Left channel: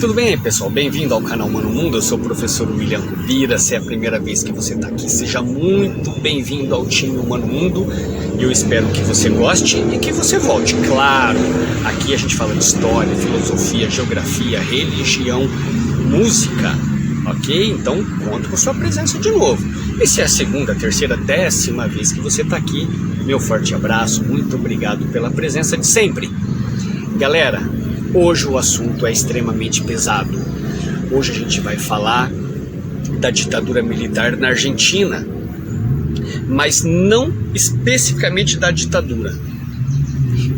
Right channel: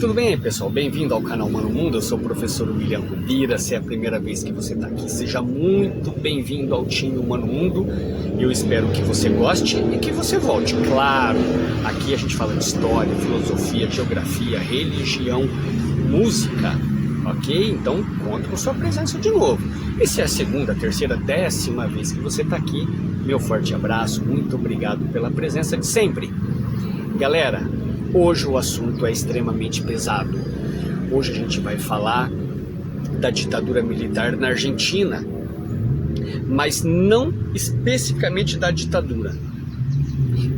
Tudo bem, pessoal? Bem-vindo ao canal Mano Mundo. Eu sou o professor William Rubira. Se é a primeira vez que você está aqui, seja muito bem-vindo ao time Mano Mundo. Eu espero que você goste e que você volte. Claro, aqui a gente fala de história, filosofia, geografia, religião, música, ok? Então, conto com sua presença de novo. E se é a segunda, terceira, 10ª vez que você está aqui, meu forte abraço, muito obrigado pela presença de sempre. Galera, hoje o assunto é extremamente pesado. Hoje a gente vai falar da ditadura militar na Argentina, mas não especificamente da ditadura.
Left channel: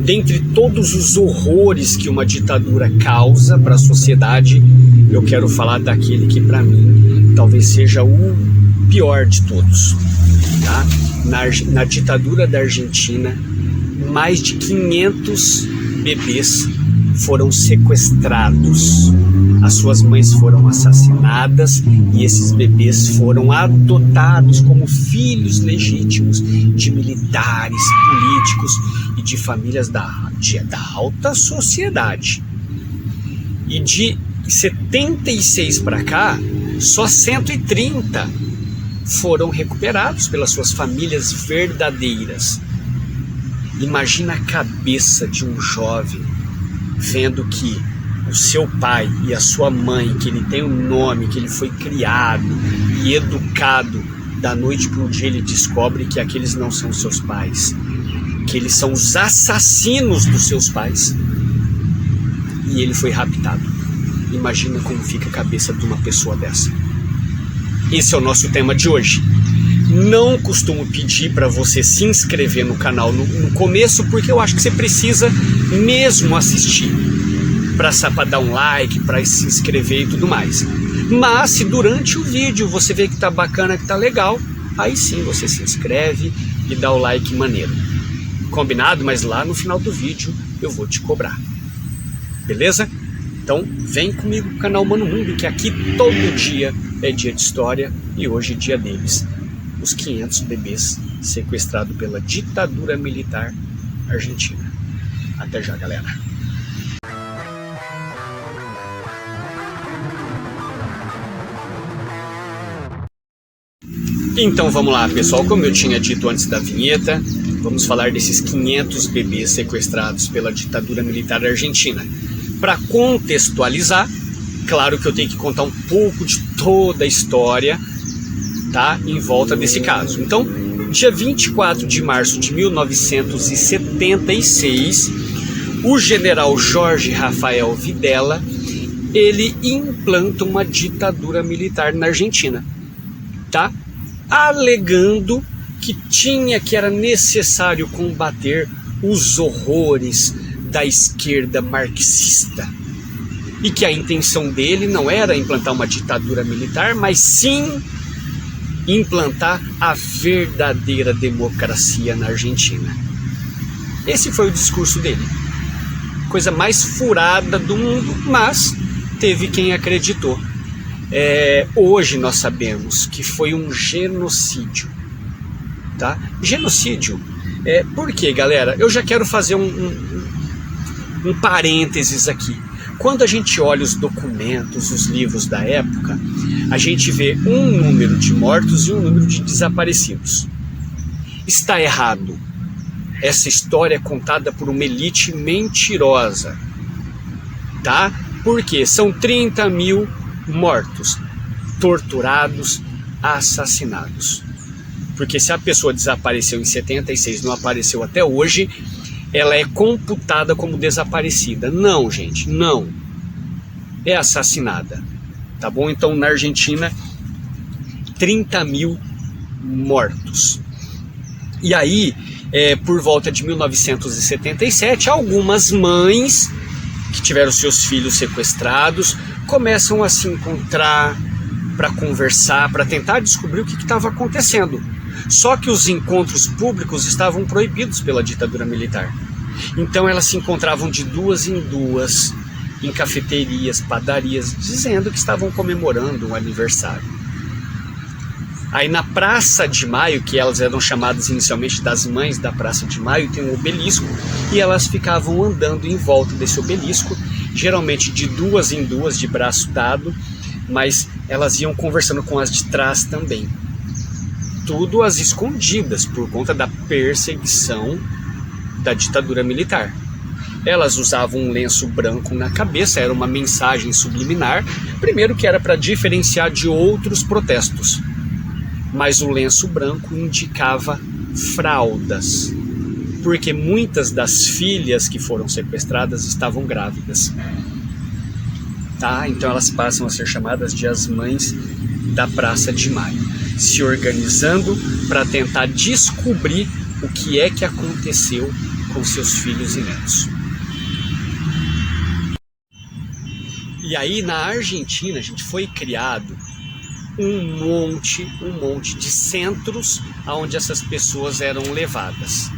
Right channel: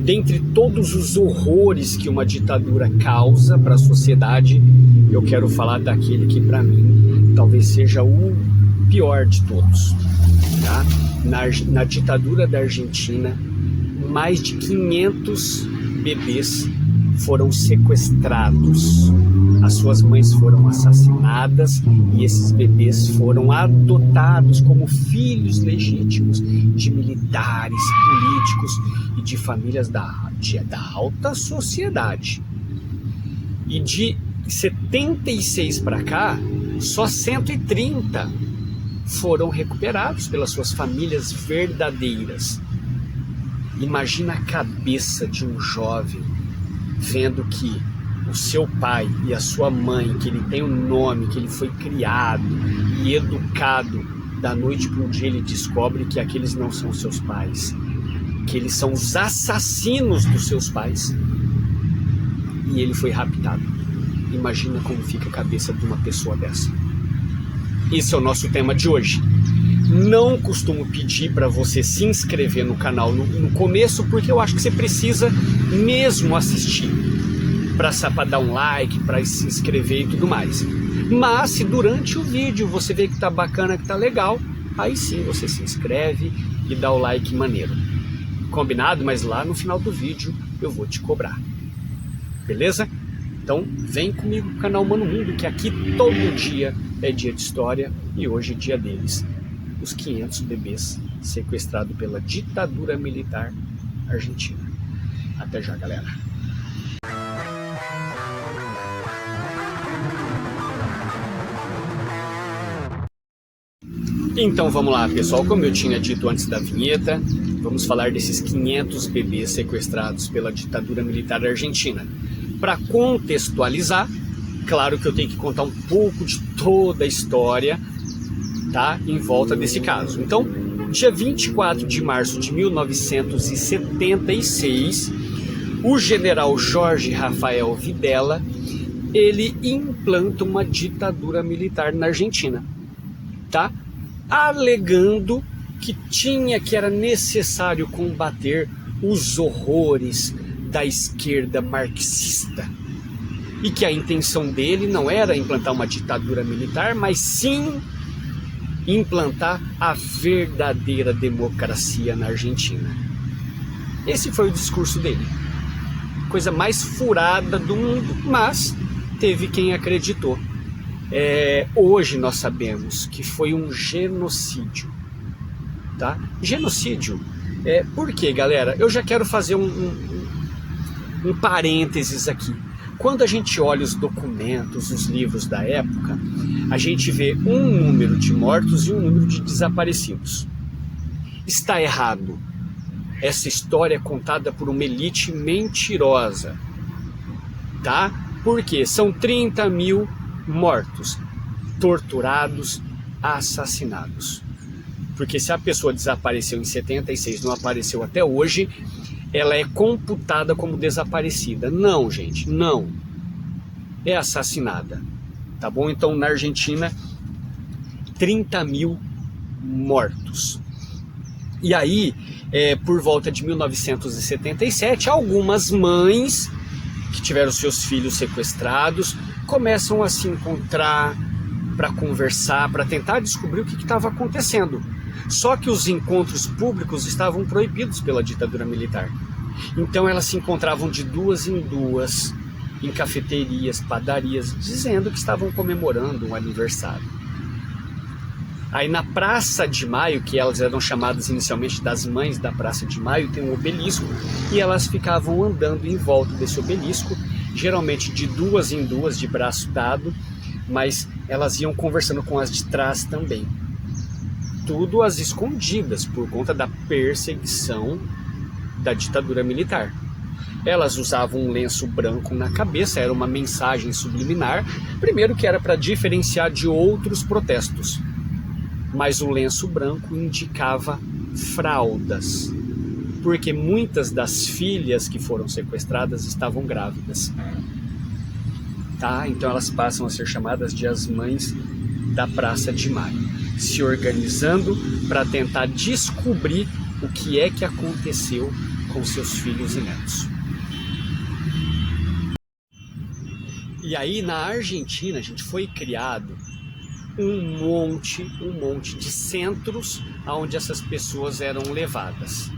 Dentre todos os horrores que uma ditadura causa para a sociedade, eu quero falar daquele que para mim talvez seja o pior de todos. Tá? Na ditadura da Argentina, mais de 500 bebês foram sequestrados, as suas mães foram assassinadas e esses bebês foram adotados como filhos legítimos de militares, políticos e de famílias da alta sociedade. E de 76 para cá, só 130 foram recuperados pelas suas famílias verdadeiras. Imagina a cabeça de um jovem vendo que o seu pai e a sua mãe, que ele tem um nome, que ele foi criado e educado, da noite para o dia ele descobre que aqueles não são seus pais, que eles são os assassinos dos seus pais, e ele foi raptado. Imagina como fica a cabeça de uma pessoa dessa. Esse é o nosso tema de hoje. Não costumo pedir para você se inscrever no canal no começo, porque eu acho que você precisa mesmo assistir para dar um like, para se inscrever e tudo mais. Mas se durante o vídeo você vê que tá bacana, que tá legal, aí sim você se inscreve e dá o like maneiro. Combinado? Mas lá no final do vídeo eu vou te cobrar. Beleza? Então vem comigo pro canal Mano Mundo, que aqui todo dia é dia de história e hoje é dia deles. Os 500 bebês sequestrados pela ditadura militar argentina. Até já, galera. Então vamos lá, pessoal. Como eu tinha dito antes da vinheta, vamos falar desses 500 bebês sequestrados pela ditadura militar argentina. Para contextualizar, claro que eu tenho que contar um pouco de toda a história, tá, em volta desse caso. Então, dia 24 de março de 1976, o general Jorge Rafael Videla, ele implanta uma ditadura militar na Argentina, tá? Alegando que era necessário combater os horrores da esquerda marxista e que a intenção dele não era implantar uma ditadura militar, mas sim implantar a verdadeira democracia na Argentina. Esse foi o discurso dele. Coisa mais furada do mundo, mas teve quem acreditou. Hoje nós sabemos que foi um genocídio, tá? Genocídio. Por quê, galera? Eu já quero fazer um parênteses aqui. Quando a gente olha os documentos, os livros da época, a gente vê um número de mortos e um número de desaparecidos. Está errado. Essa história é contada por uma elite mentirosa, tá? Porque são 30 mil mortos, torturados, assassinados. Porque se a pessoa desapareceu em 76, não apareceu até hoje, ela é computada como desaparecida. Não, gente, não. É assassinada. Tá bom? Então, na Argentina, 30 mil mortos. E aí, por volta de 1977, algumas mães que tiveram seus filhos sequestrados começam a se encontrar para conversar, para tentar descobrir o que estava acontecendo. Só que os encontros públicos estavam proibidos pela ditadura militar. Então elas se encontravam de duas em duas, em cafeterias, padarias, dizendo que estavam comemorando um aniversário. Aí na Praça de Maio, que elas eram chamadas inicialmente das Mães da Praça de Maio, tem um obelisco, e elas ficavam andando em volta desse obelisco geralmente de duas em duas, de braço dado, mas elas iam conversando com as de trás também. Tudo às escondidas, por conta da perseguição da ditadura militar. Elas usavam um lenço branco na cabeça, era uma mensagem subliminar, primeiro que era para diferenciar de outros protestos, mas o lenço branco indicava fraldas, porque muitas das filhas que foram sequestradas estavam grávidas. Tá? Então elas passam a ser chamadas de as mães da Praça de Maio, se organizando para tentar descobrir o que é que aconteceu com seus filhos e netos. E aí na Argentina, gente, foi criado um monte de centros onde essas pessoas eram levadas.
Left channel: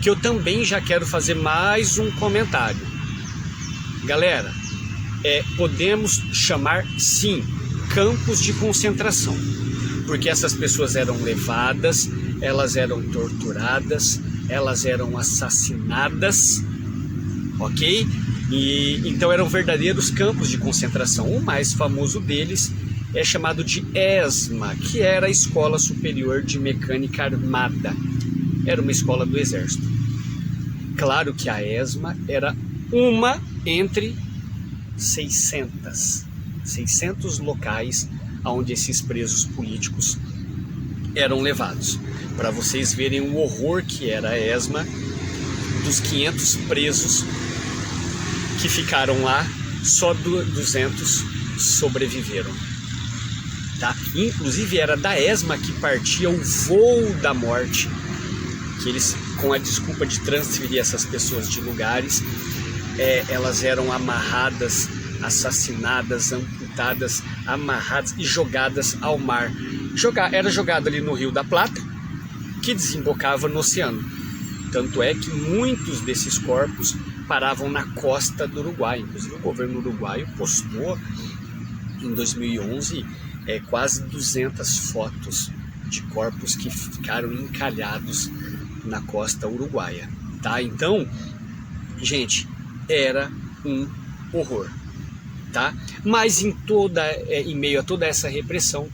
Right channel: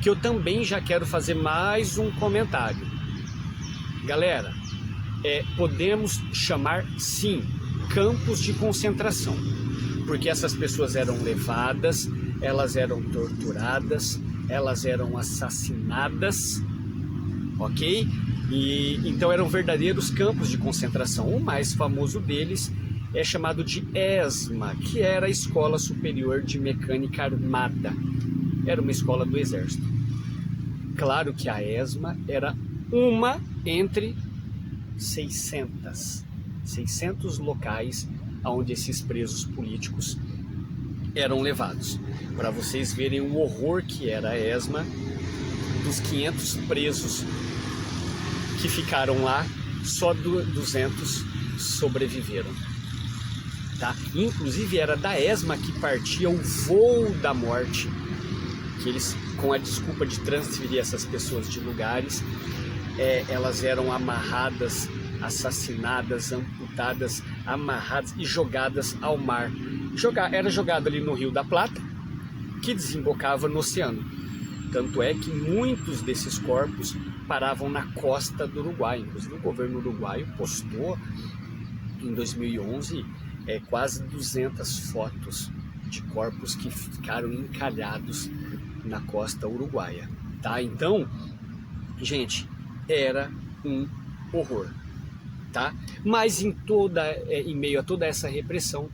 Que eu também já quero fazer mais um comentário. Galera, podemos chamar, sim, campos de concentração, porque essas pessoas eram levadas, elas eram torturadas, elas eram assassinadas, ok? E então eram verdadeiros campos de concentração. O mais famoso deles é chamado de ESMA, que era a Escola Superior de Mecânica Armada. Era uma escola do Exército. Claro que a ESMA era uma entre 600 locais onde esses presos políticos eram levados. Para vocês verem o horror que era a ESMA, dos 500 presos que ficaram lá, só 200 sobreviveram. Tá? Inclusive era da ESMA que partia o voo da morte, que eles, com a desculpa de transferir essas pessoas de lugares, elas eram amarradas, assassinadas, amputadas, amarradas e jogadas ao mar. Era jogado ali no Rio da Plata, que desembocava no oceano. Tanto é que muitos desses corpos paravam na costa do Uruguai. Inclusive o governo uruguaio postou em 2011 quase 200 fotos de corpos que ficaram encalhados na costa uruguaia. Tá? Então, gente, era um horror. Tá? Mas em meio a toda essa repressão,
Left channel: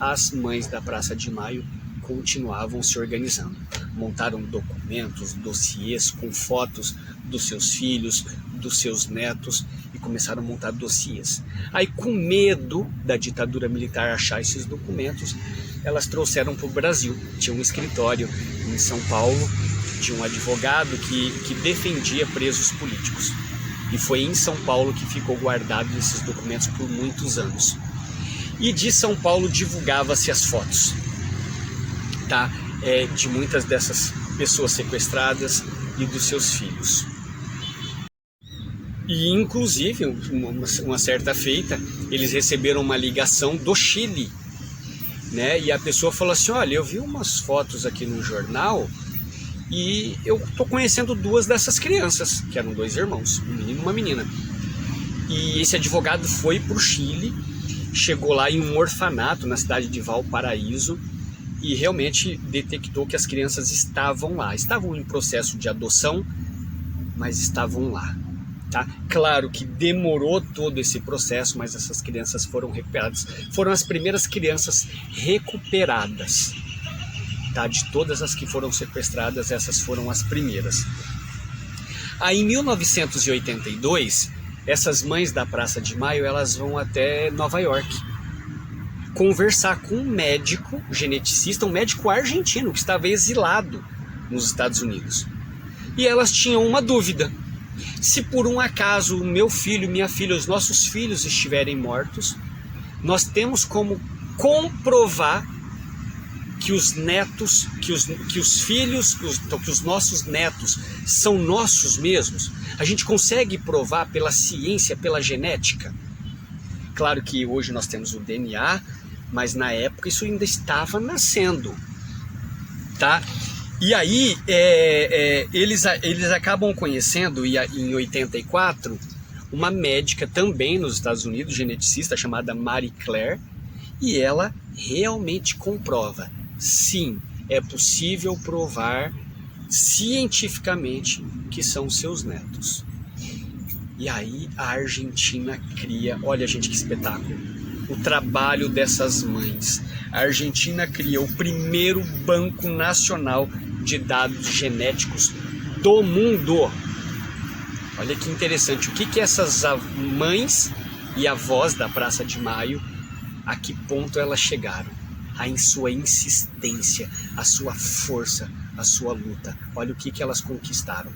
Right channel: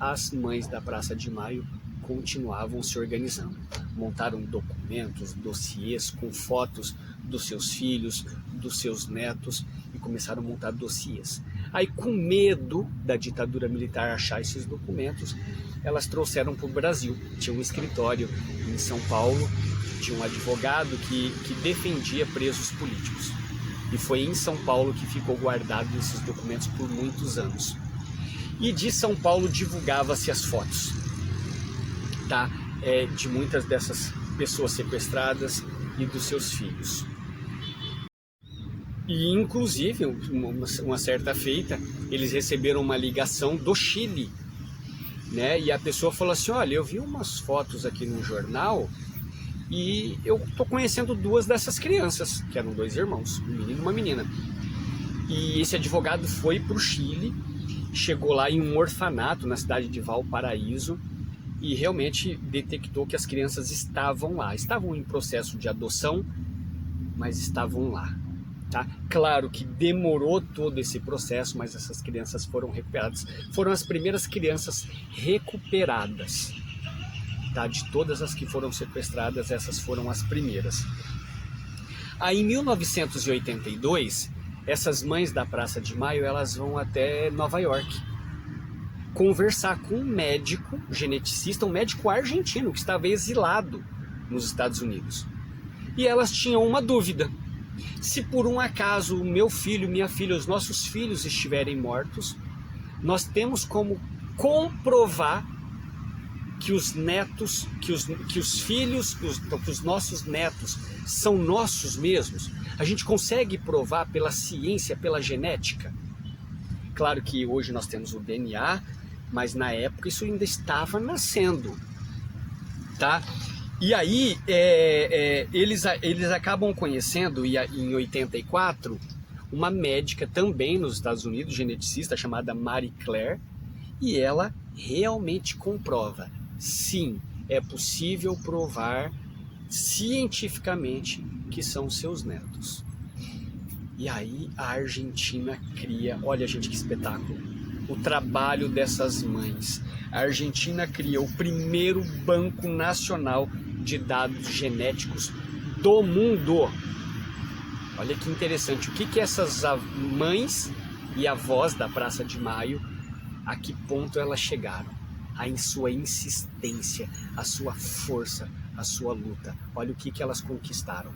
as mães da Praça de Maio continuavam se organizando. Montaram documentos, dossiês com fotos dos seus filhos, dos seus netos, e começaram a montar dossiês. Aí, com medo da ditadura militar achar esses documentos, elas trouxeram para o Brasil. Tinha um escritório em São Paulo de um advogado que defendia presos políticos. E foi em São Paulo que ficou guardado esses documentos por muitos anos. E de São Paulo divulgava-se as fotos, tá? De muitas dessas pessoas sequestradas e dos seus filhos. E inclusive, uma certa feita, eles receberam uma ligação do Chile, né? E a pessoa falou assim: olha, eu vi umas fotos aqui no jornal e eu tô conhecendo duas dessas crianças, que eram dois irmãos, um menino e uma menina. E esse advogado foi para o Chile, chegou lá em um orfanato na cidade de Valparaíso e realmente detectou que as crianças estavam lá. Estavam em processo de adoção, mas estavam lá. Tá? Claro que demorou todo esse processo, mas essas crianças foram recuperadas. Foram as primeiras crianças recuperadas. Tá? De todas as que foram sequestradas, essas foram as primeiras. Aí em 1982, essas mães da Praça de Maio, elas vão até Nova York conversar com um médico geneticista, um médico argentino que estava exilado nos Estados Unidos. E elas tinham uma dúvida: se por um acaso o meu filho, minha filha, os nossos filhos estiverem mortos, nós temos como comprovar que os netos, que os filhos, que os nossos netos são nossos mesmos? A gente consegue provar pela ciência, pela genética? Claro que hoje nós temos o DNA, mas na época isso ainda estava nascendo, tá? E aí eles acabam conhecendo, em 84, uma médica também nos Estados Unidos, geneticista, chamada Marie Claire, e ela realmente comprova: sim, é possível provar cientificamente que são seus netos. E aí a Argentina cria, olha gente que espetáculo, o trabalho dessas mães. A Argentina cria o primeiro banco nacional de dados genéticos do mundo. Olha que interessante, o que essas mães e avós da Praça de Maio, a que ponto elas chegaram? Em sua insistência, a sua força, a sua luta. Olha o que elas conquistaram.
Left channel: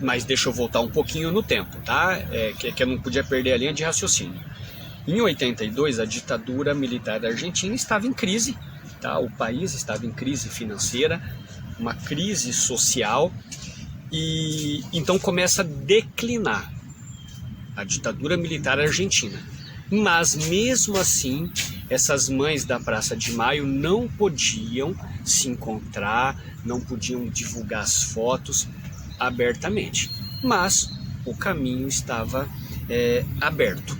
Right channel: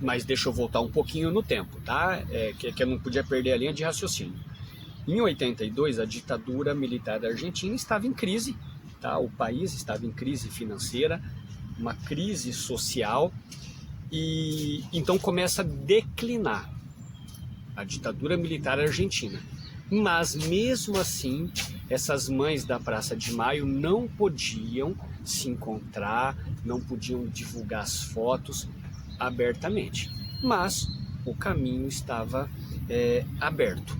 Mas deixa eu voltar um pouquinho no tempo, tá? Que eu não podia perder a linha de raciocínio. Em 82, a ditadura militar da Argentina estava em crise, tá? O país estava em crise financeira, uma crise social, e então começa a declinar a ditadura militar argentina. Mas mesmo assim, essas mães da Praça de Maio não podiam se encontrar, não podiam divulgar as fotos abertamente. Mas o caminho estava aberto,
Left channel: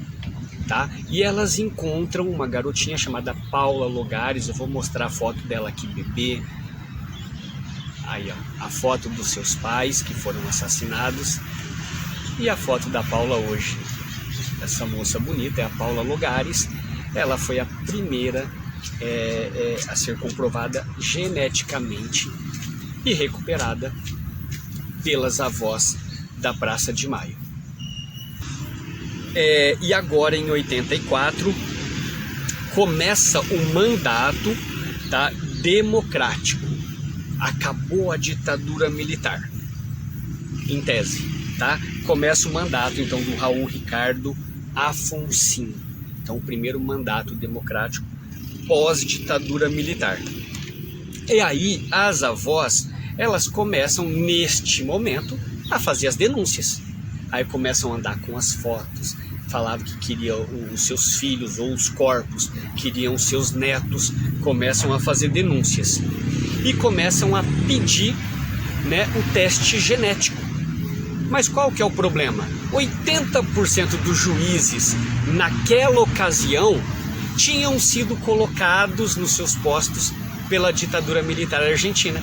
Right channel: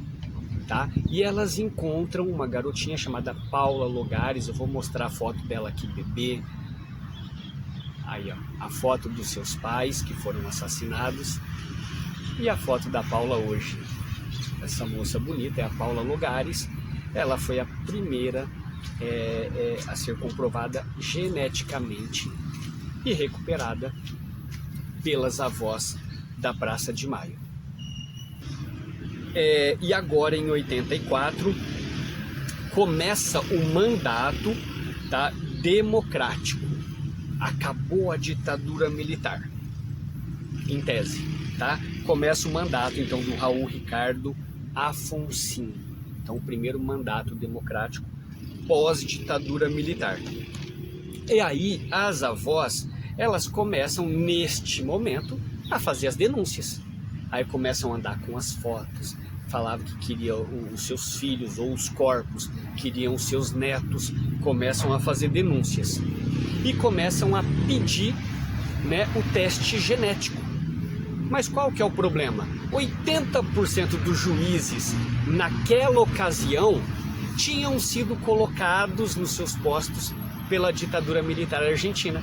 tá? E elas encontram uma garotinha chamada Paula Logares. Eu vou mostrar a foto dela aqui, bebê. Aí, ó, a foto dos seus pais que foram assassinados e a foto da Paula hoje. Essa moça bonita é a Paula Logares. Ela foi a primeira a ser comprovada geneticamente e recuperada pelas avós da Praça de Maio. E agora em 84 começa o mandato, tá, democrático. Acabou a ditadura militar, em tese, tá? Começa o mandato então do Raul Ricardo Afonsin. Então o primeiro mandato democrático pós-ditadura militar. E aí as avós, elas começam neste momento a fazer as denúncias. Aí começam a andar com as fotos, falavam que queriam os seus filhos ou os corpos, queriam os seus netos, começam a fazer denúncias. E começam a pedir, né, o teste genético. Mas qual que é o problema? 80% dos juízes naquela ocasião tinham sido colocados nos seus postos pela ditadura militar argentina.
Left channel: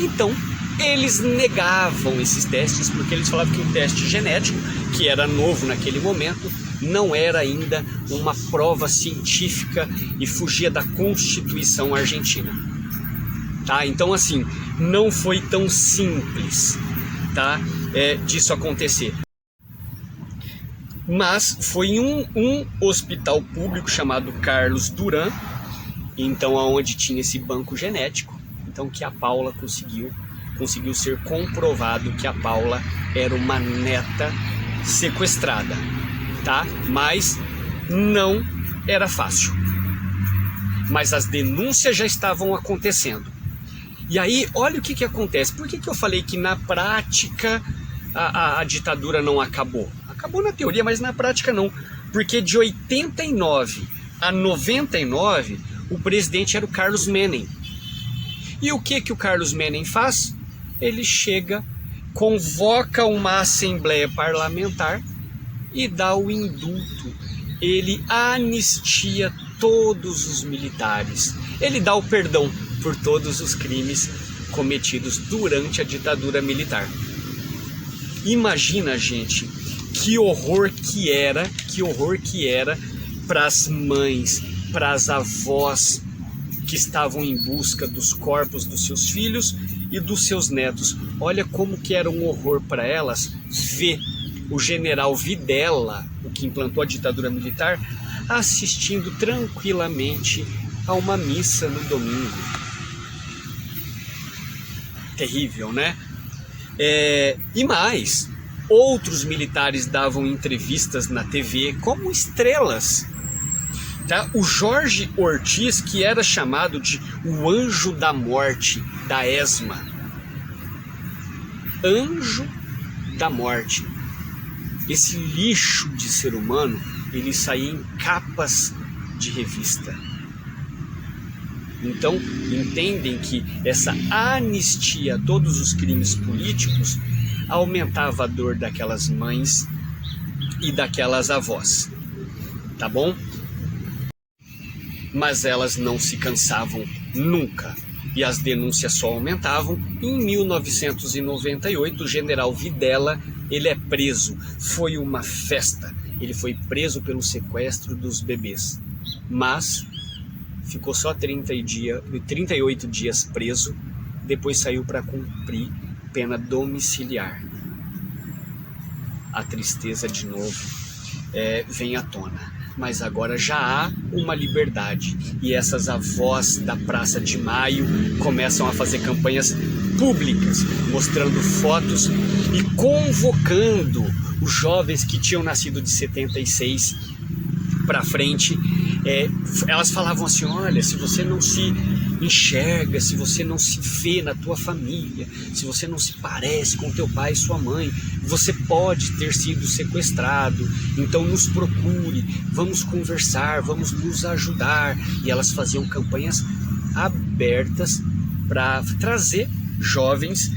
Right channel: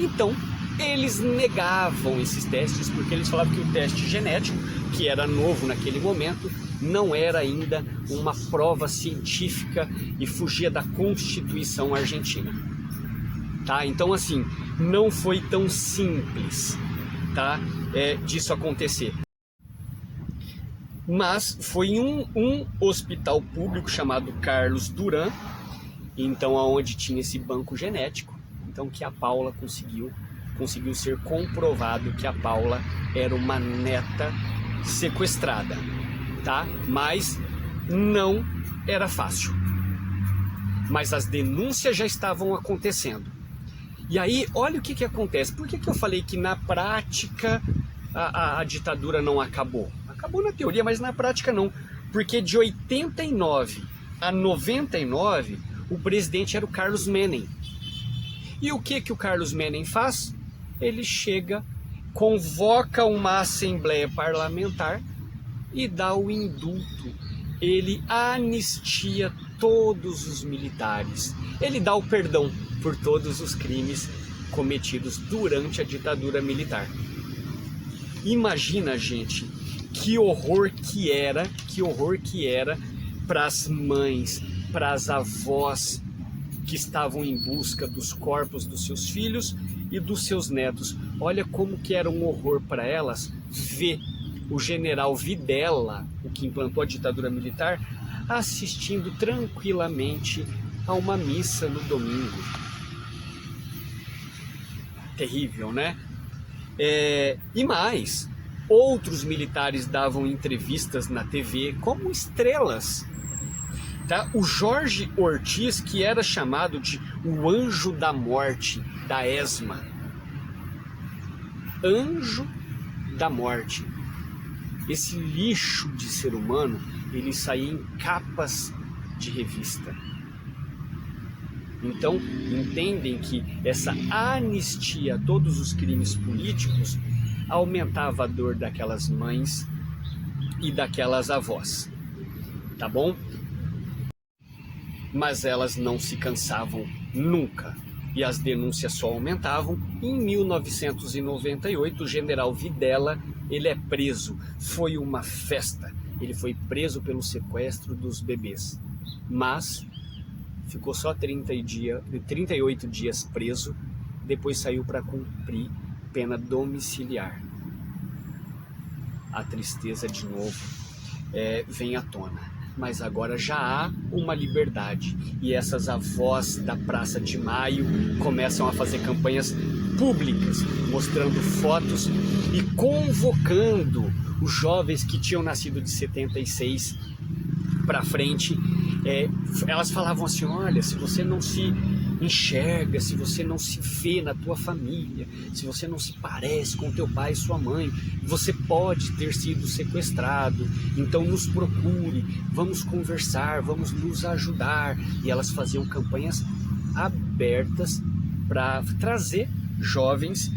Então, eles negavam esses testes, porque eles falavam que o teste genético, que era novo naquele momento, não era ainda uma prova científica e fugia da Constituição argentina. Tá? Então, assim, não foi tão simples, tá, disso acontecer. Mas foi em um hospital público chamado Carlos Duran, então aonde tinha esse banco genético, então que a Paula conseguiu ser comprovado que a Paula era uma neta sequestrada, tá? Mas não era fácil. Mas as denúncias já estavam acontecendo. E aí, olha o que acontece. Por que eu falei que na prática a ditadura não acabou? Acabou na teoria, mas na prática não. Porque de 89 a 99, o presidente era o Carlos Menem. E o que o Carlos Menem faz? Ele chega, convoca uma assembleia parlamentar e dá o indulto. Ele anistia todos os militares. Ele dá o perdão por todos os crimes cometidos durante a ditadura militar. Imagina, gente, que horror que era para as mães, para as avós que estavam em busca dos corpos dos seus filhos e dos seus netos. Olha como que era um horror para elas ver o general Videla, o que implantou a ditadura militar, assistindo tranquilamente a uma missa no domingo. Terrível, né? E mais, outros militares davam entrevistas na TV como estrelas. Tá? O Jorge Ortiz, que era chamado de o anjo da morte da ESMA. Anjo da morte. Esse lixo de ser humano, ele saía em capas de revista. Então, entendem que essa anistia a todos os crimes políticos aumentava a dor daquelas mães e daquelas avós. Tá bom? Mas elas não se cansavam nunca e as denúncias só aumentavam. Em 1998, o general Videla ele é preso. Foi uma festa. Ele foi preso pelo sequestro dos bebês, mas ficou só 38 dias preso, depois saiu para cumprir pena domiciliar. A tristeza de novo vem à tona, mas agora já há uma liberdade e essas avós da Praça de Maio começam a fazer campanhas públicas, mostrando fotos e convocando os jovens que tinham nascido de 76 para frente. Elas falavam assim: olha, se você não se enxerga, se você não se vê na tua família, se você não se parece com teu pai e sua mãe, você pode ter sido sequestrado, então nos procure, vamos conversar, vamos nos ajudar. E elas faziam campanhas abertas para trazer jovens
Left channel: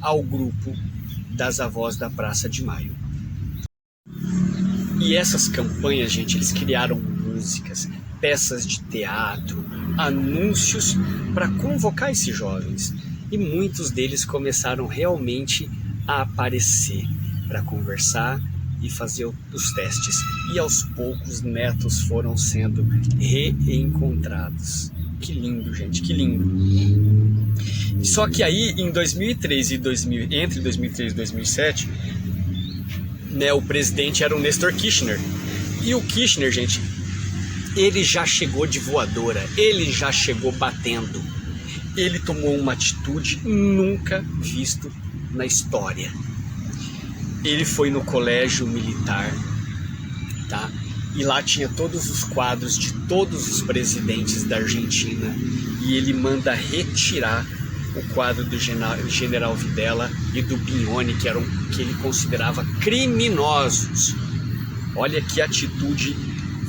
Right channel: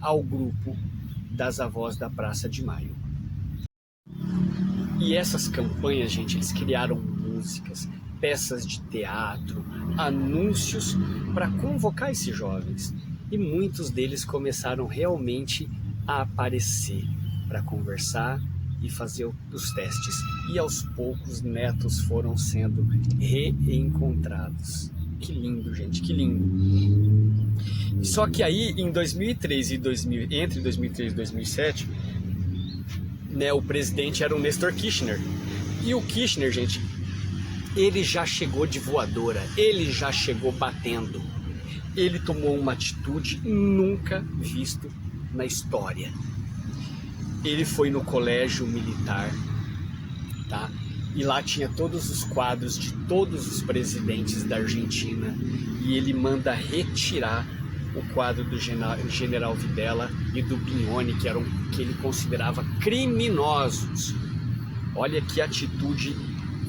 ao grupo das avós da Praça de Maio. E essas campanhas, gente, eles criaram músicas, peças de teatro, anúncios para convocar esses jovens. E muitos deles começaram realmente a aparecer para conversar e fazer os testes. E aos poucos netos foram sendo reencontrados. Que lindo, gente, que lindo. Só que aí, em 2003 entre 2003 e 2007, o presidente era o Néstor Kirchner. E o Kirchner, gente, ele já chegou de voadora, ele já chegou batendo. Ele tomou uma atitude nunca vista na história. Ele foi no colégio militar, tá? E lá tinha todos os quadros de todos os presidentes da Argentina. E ele manda retirar o quadro do general Videla e do Bignone, que ele considerava criminosos. Olha que atitude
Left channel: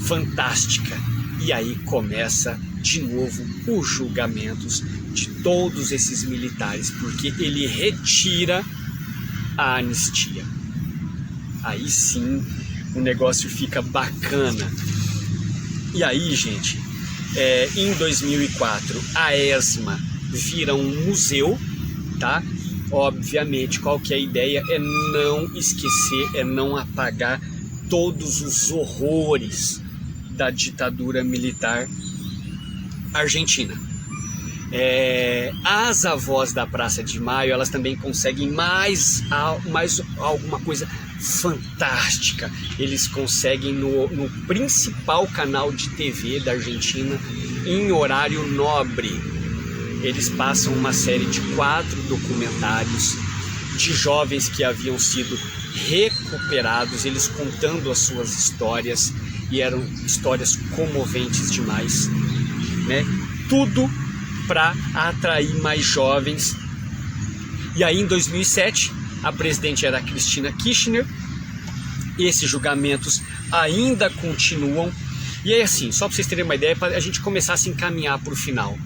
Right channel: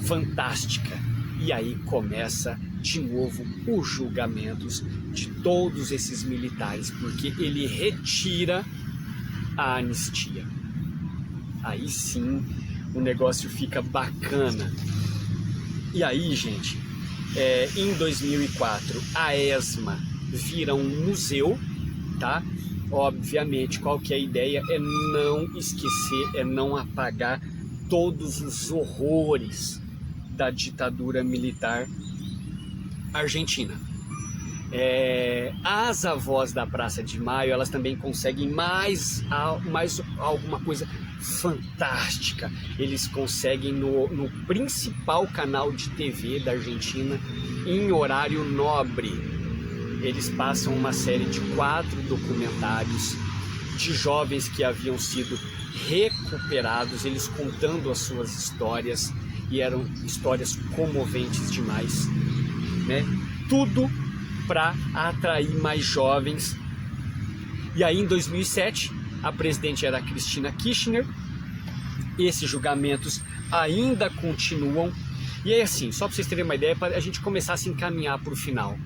fantástica. E aí começa de novo os julgamentos de todos esses militares, porque ele retira a anistia. Aí sim o negócio fica bacana. E aí, gente, em 2004 a ESMA vira um museu, tá? Obviamente, qual que é a ideia? É não esquecer, é não apagar todos os horrores da ditadura militar argentina. As avós da Praça de Maio, elas também conseguem mais alguma coisa fantástica. Eles conseguem no principal canal de TV da Argentina, em horário nobre, eles passam uma série de 4 documentários de jovens que haviam sido recuperados, eles contando as suas histórias, e eram histórias comoventes demais, né? Tudo para atrair mais jovens. E aí em 2007 a presidente era a Cristina Kirchner. Esses julgamentos ainda continuam. E é assim, só para vocês terem uma ideia, para a gente começar a se encaminhar para o final.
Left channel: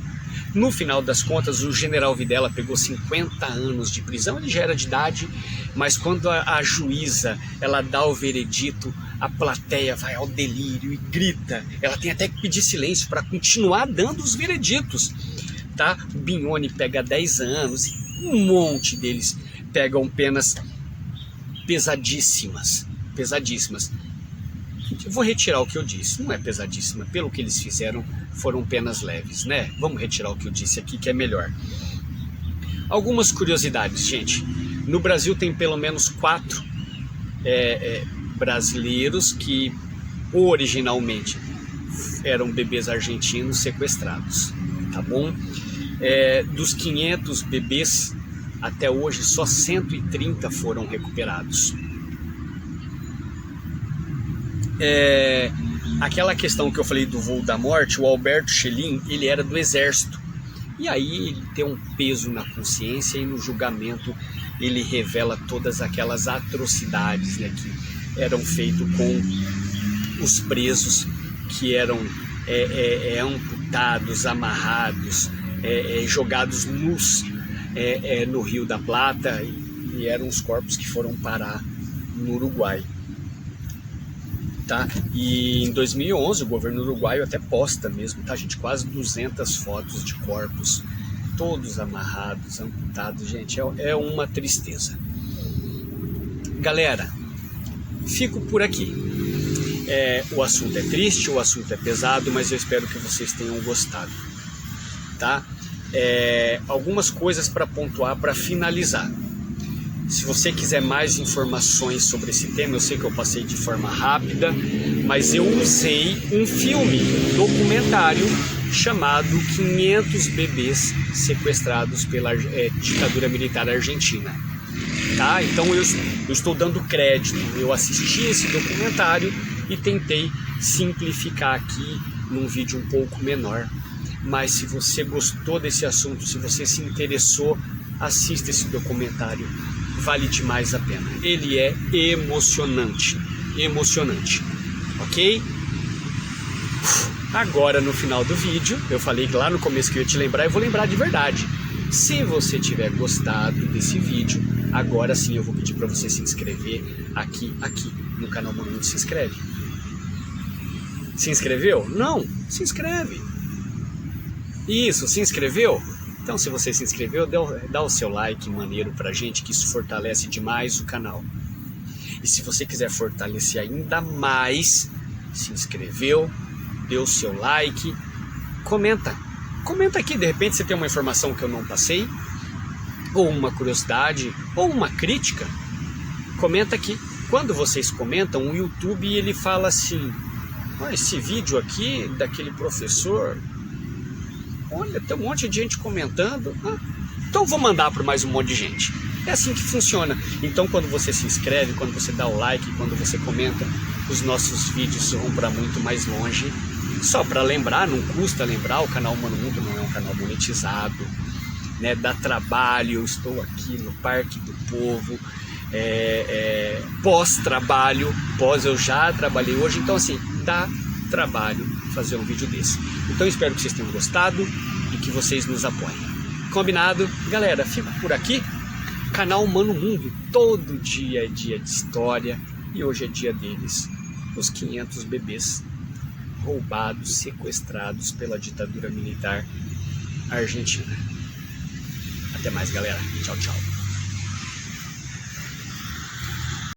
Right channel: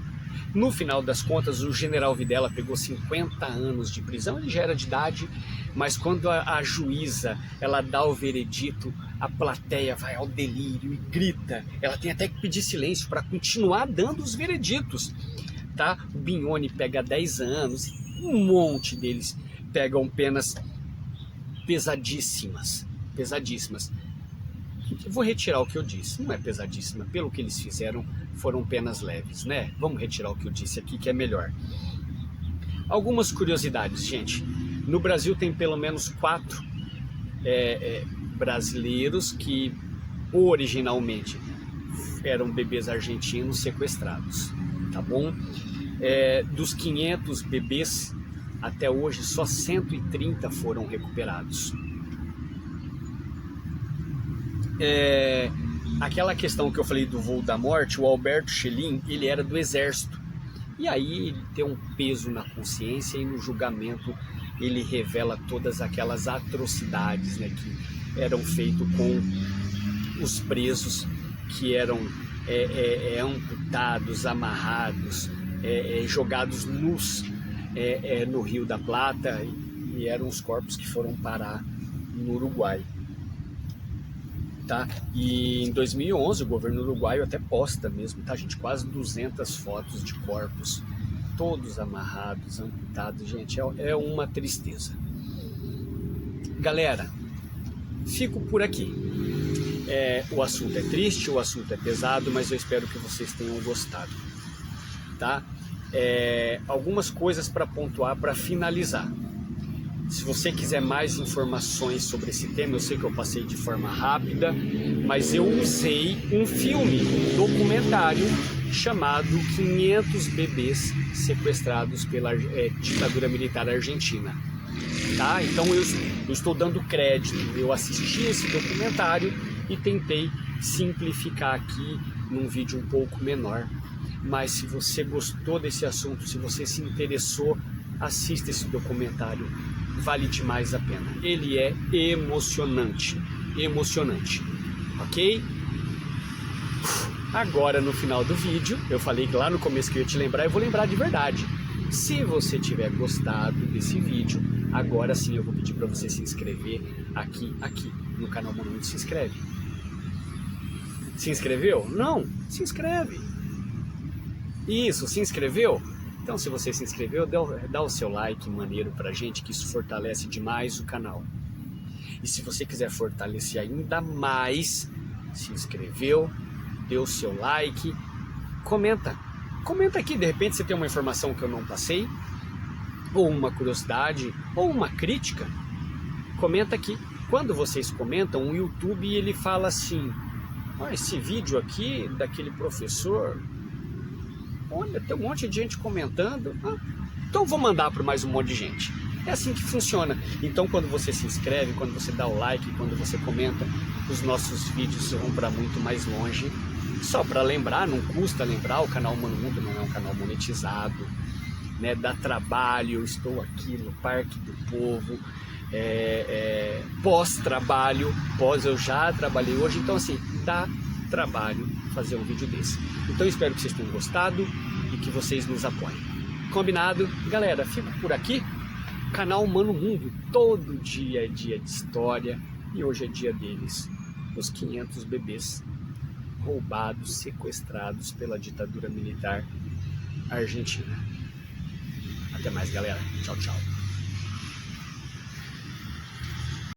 No final das contas, o general Videla pegou 50 anos de prisão. Ele já era de idade, mas quando a juíza ela dá o veredito, a plateia vai ao delírio e grita. Ela tem até que pedir silêncio para continuar dando os vereditos, tá? O Bignone pega 10 anos e um monte deles pegam penas pesadíssimas. Eu vou retirar o que eu disse, não é pesadíssima, pelo que eles fizeram foram penas leves, né? Vamos retirar o que eu disse aqui, que é melhor. Algumas curiosidades, gente. No Brasil tem pelo menos 4 brasileiros que originalmente eram bebês argentinos sequestrados, tá bom? Dos 500 bebês, até hoje só 130 foram recuperados. Aquela questão que eu falei do voo da morte, o Alberto Schelin, ele era do exército. E aí ele tem um peso na consciência e no julgamento ele revela todas aquelas atrocidades, né, que eram feitas com os presos, que eram amputados, amarrados, jogados nus no Rio da Plata, e eram os corpos que foram parar no Uruguai. Tá? E em 2011 o governo uruguaio até posta mesmo, tá, gente? Quase 200 fotos de corpos, todos amarrados, amputados, gente, é uma tristeza. galera, fico por aqui. O assunto é triste, o assunto é pesado, mas eu espero que vocês tenham gostado, tá? Algumas coisas para pontuar, para finalizar. Se você quiser mais informações sobre esse tema, eu sei que eu passei de forma rápida, mas eu usei um filme documentário chamado 500 bebês sequestrados pela ditadura militar argentina. Tá? Então eu estou dando crédito, eu assisti esse documentário e tentei simplificar aqui num vídeo um pouco menor. Mas se você gostou desse assunto, se você se interessou, assista esse documentário. Vale demais a pena. Ele é emocionante, ok? Agora no final do vídeo, eu falei que lá no começo que eu ia te lembrar, eu vou lembrar de verdade. Se você tiver gostado desse vídeo, agora sim eu vou pedir para você se inscrever aqui no canal Mano Mundo. Se inscreve. Se inscreveu? Não? Se inscreve. Isso, se inscreveu? Então, se você se inscreveu, dá o seu like maneiro pra gente, que isso fortalece demais o canal. E se você quiser fortalecer ainda mais, se inscreveu, deu o seu like, comenta. Comenta aqui, de repente você tem uma informação que eu não passei, ou uma curiosidade, ou uma crítica. Comenta aqui. Quando vocês comentam, o YouTube ele fala assim: olha, esse vídeo aqui daquele professor... Olha, tem um monte de gente comentando. Então vou mandar para mais um monte de gente. É assim que funciona. Então quando você se inscreve, quando você dá o like, quando você comenta, os nossos vídeos vão para muito mais longe. Só para lembrar, não custa lembrar, o canal Mano Mundo não é um canal monetizado, né? Dá trabalho, eu estou aqui no Parque do Povo, pós-trabalho, eu já trabalhei hoje, então assim, dá trabalho fazer um vídeo desse. Então eu espero que vocês tenham gostado e que vocês nos apoiem. Combinado? Galera, fico por aqui. Canal Mano Mundo, todo dia é dia de história e hoje é dia deles. Os 500 bebês roubados, sequestrados pela ditadura militar argentina. Até mais, galera. Tchau, tchau.